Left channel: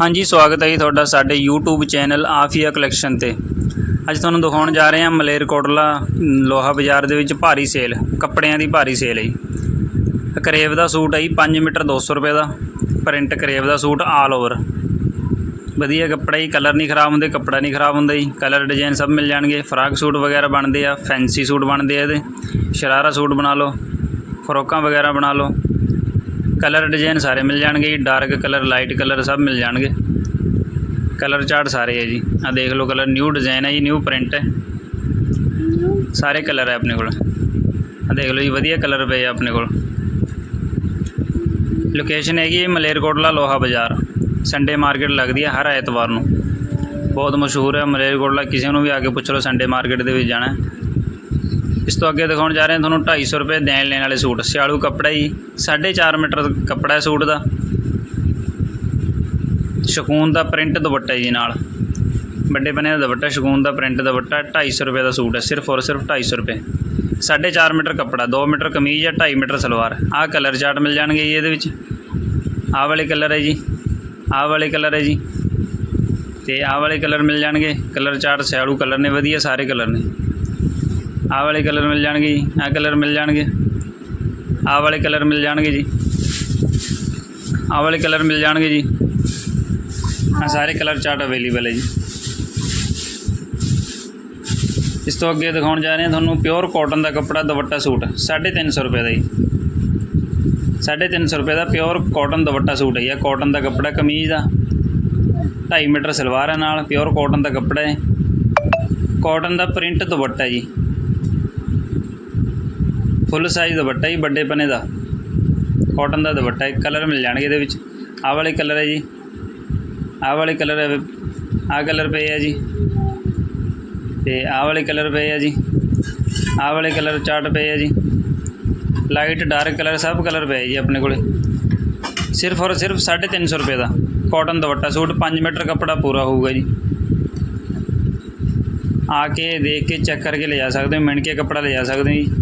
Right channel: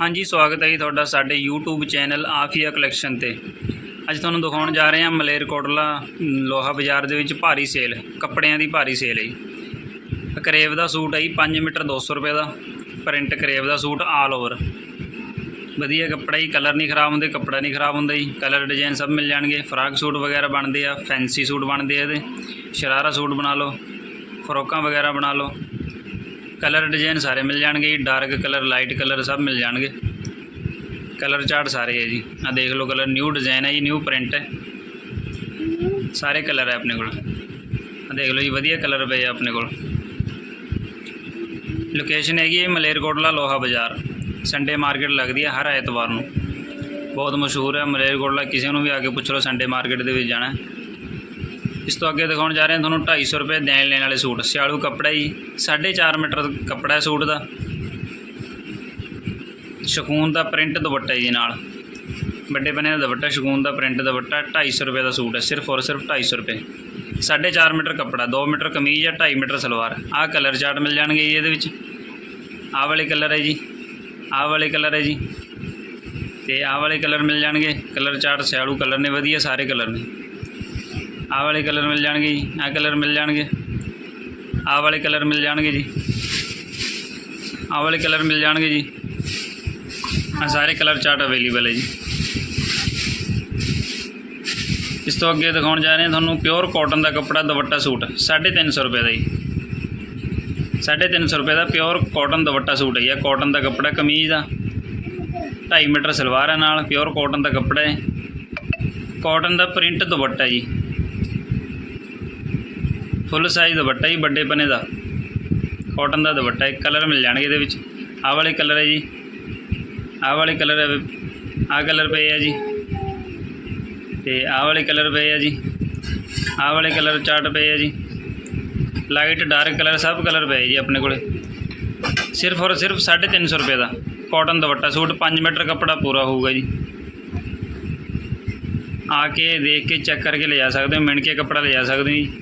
ਹਾਂਜੀ, ਸਵਾਗਤ ਹੈ ਜੀ ਤੁਹਾਡਾ ਸਾਡੇ YouTube ਚੈਨਲ ਆਫੀਆ ਕਲੈਕਸ਼ਨ ਤੇ। ਅੱਜ ਤੁਹਾਨੂੰ ਦਿਖਾਉਣ ਜਾ ਰਹੇ ਹਾਂ ਮਲੇਰਕੋਟਲਾ ਲੋਹਾ ਬਾਜ਼ਾਰ ਦੇ ਵਿੱਚ ਭਾਰੀ ਸੇਲ, ਕੱਪੜਿਆਂ ਦੀ ਭਾਰੀ ਸੇਲ ਹੈ ਜੀ। ਕਰੇਵ ਦਾ ਸੂਟ ਹੈ ਜੀ 5 ਮੀਟਰ 200 ਰੁਪਏ ਦਾ। ਪ੍ਰਿੰਟ ਕਰੇਵ ਦਾ ਸੂਟ ਆਲ ਓਵਰ ਵਧੀਆ ਕੱਪੜਾ ਜੀ, ਕਲਰ ਨਹੀਂ ਖਰਾਬ ਹੁੰਦੇ, ਕੱਪੜਾ ਨਹੀਂ ਖਰਾਬ ਹੁੰਦਾ ਜੀ। ਕਲਰ ਡਿਜ਼ਾਈਨ ਸਭ ਮਿਲ ਜਾਣਗੇ। ਫਰਾਕ ਸੂਟ ਵਗੈਰਾ ਬਣਦੇ ਆ, ਫੈਂਸੀ ਸੂਟ ਬਣਦੇ ਆ ਇਹਦੇ। ਸ਼ਰਾਰਾ ਸੂਟ ਬਣਾ ਲਓ, ਫਰੋਕਾਂ ਵਗੈਰਾ ਬਣਾ ਲਓ। ਕਲਰ ਡਿਜ਼ਾਈਨ ਸਾਰੇ ਮਿਲ ਜਾਣਗੇ ਜੀ ਡਾਰਕ ਕਲਰ ਲਾਈਟ ਕਲਰ ਸਭ ਮਿਲ ਜਾਣਗੇ। ਕਲਰ ਚਾਰਟ ਸਾਰੇ ਹੈ ਜੀ। ਆ ਦੇਖ ਲਓ ਕਲਰ ਨਿਊ ਡਿਜ਼ਾਈਨ ਹੈ ਜੀ ਨਿਊ ਪ੍ਰਿੰਟ ਹੈ। ਸਾਰੇ ਕਲਰ ਹੈ ਆਪਣੇ ਕੋਲ। ਆ ਦੇਖ ਲਓ ਜੀ, ਵਧੀਆ ਕਲਰ ਪਏ ਆ ਆਪਣੇ ਕੋਲ। ਲੋਕੇਸ਼ਨ ਹੈਗੀ ਮਲੇਰਕੋਟਲਾ ਲੋਹਾ ਬਾਜ਼ਾਰ। ਸੰਡੇ ਮਾਰਕੀਟ ਲੱਗਦੀ ਹੈ ਹਰ ਐਤਵਾਰ ਨੂੰ। ਬਹੁਤ ਮਸ਼ਹੂਰ ਹੈ ਮਲੇਰਕੋਟਲਾ, ਕਿਸੇ ਨੂੰ ਵੀ ਆ ਕੇ ਪੁੱਛ ਲਓ ਸੰਡੇ ਮਾਰਕੀਟ ਦੇ ਵਿੱਚ ਜਾਣਾ ਇਸ ਤੋਂ ਅੱਗੇ ਦਿਖਾਉਣ ਜਾ ਰਹੇ ਹਾਂ ਤੁਹਾਨੂੰ 250 ਰੁਪਏ ਦੇਣ ਲੈਣ ਵਾਲੇ ਸੂਟ, ਸਿਆਲੂ ਕੱਪੜਾ ਜੀ 4.5 ਮੀਟਰ ਕੱਪੜਾ ਸੂਟ ਦਾ। ਸ਼ਕੂਨ ਦਾ ਪ੍ਰਿੰਟ ਦੁਪੱਟਾ ਜੀ ਨਾਲ। ਵੱਡੇ ਬਨੇ ਦਾ ਦੁਪੱਟਾ, ਸ਼ਕੂਨ ਦਾ ਪ੍ਰਿੰਟ ਦੁਪੱਟਾ 250 ਰੁਪਏ ਦਾ ਸੂਟ ਹੈ, ਸਿਰਫ ਔਰ ਸਿਰਫ 250 ਰੁਪਏ। 4.5 ਮੀਟਰ ਕੱਪੜਾ 2 ਮੀਟਰ ਕਮੀਜ਼ ਹੈ 2.5 ਮੀਟਰ ਸਲਵਾਰ। ਆਹ ਕਲਰ ਚਾਰਟ ਮਿਲ ਜਾਣਗੇ ਜੀ ਇਹਦੇ ਵਿੱਚ। ਆਹ ਵਾਲੇ ਕਲਰ ਹੈ ਜੀ, ਆਹ ਵਾਲੇ ਕਲਰ ਹੈ ਜੀ। ਤੇ ਆਹ ਵਾਲੇ ਕਲਰ ਮਿਲ ਜਾਣਗੇ। ਕਲਰ ਚਾਰਟ ਸਿਆਲੂ ਕਲਰ ਨੇ, ਵਧੀਆ ਸਾਰੇ ਕਲਰ ਨੇ। ਆਹ ਵਾਲੇ ਕਲਰ ਮਿਲ ਜਾਣਗੇ ਜੀ, ਆਹ ਕਲਰ ਮਿਲ ਜਾਣਗੇ। ਆਹ ਵਾਲੇ ਕਲਰ ਮਿਲ ਜਾਣਗੇ ਜੀ। ਆਹ ਵਾਲੇ ਕਲਰ ਮਿਲ ਜਾਣਗੇ ਜੀ। ਆ ਸਾਰੇ ਕਲਰ ਚਾਰਟ ਅਵੇਲੇਬਲ ਹੈ ਜੀ। ਇਸ ਤੋਂ ਅੱਗੇ ਦਿਖਾਉਣ ਜਾ ਰਹੇ ਹਾਂ ਤੁਹਾਨੂੰ ਪਿਓਰ ਕਾਟਨ ਦਾ ਕੱਪੜਾ ਦੁਪੱਟਾ ਸੂਟ 350 ਰੁਪਏ ਦਾ ਜੀ। 350 ਰੁਪਏ ਦਾ ਪਿਓਰ ਕਾਟਨ ਦੁਪੱਟਾ ਸੂਟ ਹੈ ਜੀ। ਕਾਟਨ ਦਾ ਕੱਪੜਾ ਕਮੀਜ਼ ਦਾ 2.5 ਮੀਟਰ ਸਲਵਾਰ ਹੈ ਨਾਲ ਪਿਓਰ ਕਾਟਨ ਦਾ ਕੱਪੜਾ ਹੈ। ਕਾਟਨ ਦਾ ਪ੍ਰਿੰਟ ਦੁਪੱਟਾ ਜੀ। ਫੁੱਲ ਸਾਈਜ਼ ਦੁਪੱਟਾ ਜੀ, ਵੱਡੇ ਪਨੇ ਦਾ। ਕਾਟਨ ਦਾ ਦੁਪੱਟਾ, ਇੱਕ ਕਲਰ ਮਿਲ ਜਾਣਗੇ ਇਹਦੇ ਵਿੱਚ। ਆਹ ਵਾਲੇ ਕਲਰ ਹੈ ਜੀ। ਆਹ ਵਾਲੇ ਕਲਰ ਹੈ, ਆਹ ਕਲਰ ਪਏ ਆ ਜੀ। ਤੇ ਆਹ ਵਾਲੇ ਕਲਰ ਪਏ ਆ ਜੀ। ਆਹ ਵਾਲੇ ਕਲਰ ਚਾਰਟ ਪਏ ਆ ਜੀ। ਲਾਈਟ ਡਾਰਕ ਕਲਰ ਸਭ ਕਲਰ ਪਏ ਜੀ ਆਪਣੇ ਕੋਲੇ। ਸਿਰਫ ਔਰ ਸਿਰਫ 350 ਰੁਪਏ ਦਾ ਕਾਟਨ ਦੁਪੱਟਾ। ਸੂਟ 5 ਮੀਟਰ ਕੱਪੜਾ ਪੂਰਾ ਹੋਊਗਾ ਜੀ। ਆ ਕੇ ਦੇਖ ਕੇ ਚੈੱਕ ਕਰਕੇ ਲੈ ਜਾ ਸਕਦੇ ਹੋ, ਮਿਣ ਕੇ ਕੱਪੜਾ ਲੈ ਜਾ ਸਕਦੇ ਹੋ ਜੀ।